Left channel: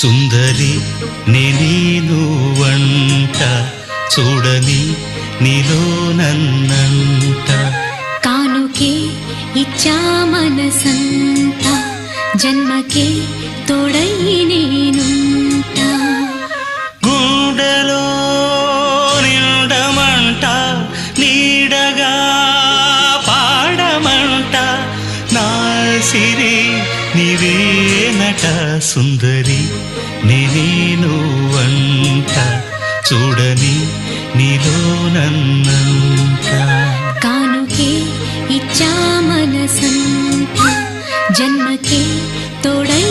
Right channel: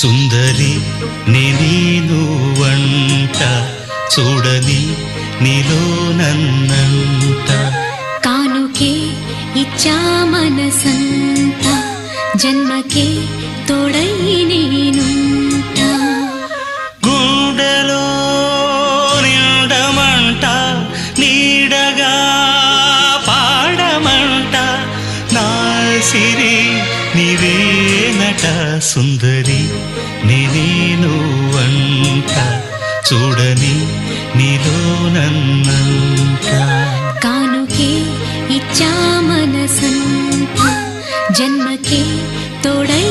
సుందరి నేను వంట చూడని నీలో నన్నంత కానుకే ఇచ్చా మనసంత జన్మకే తోడై నేనుంట గుండెలో నిండమంట నీడగా పాడమంట నా సిరి నీవేనట సుందరి నేను వంట చూడని నీలో నన్నంత కానుకే ఇచ్చా మనసంత జన్మకే తోడై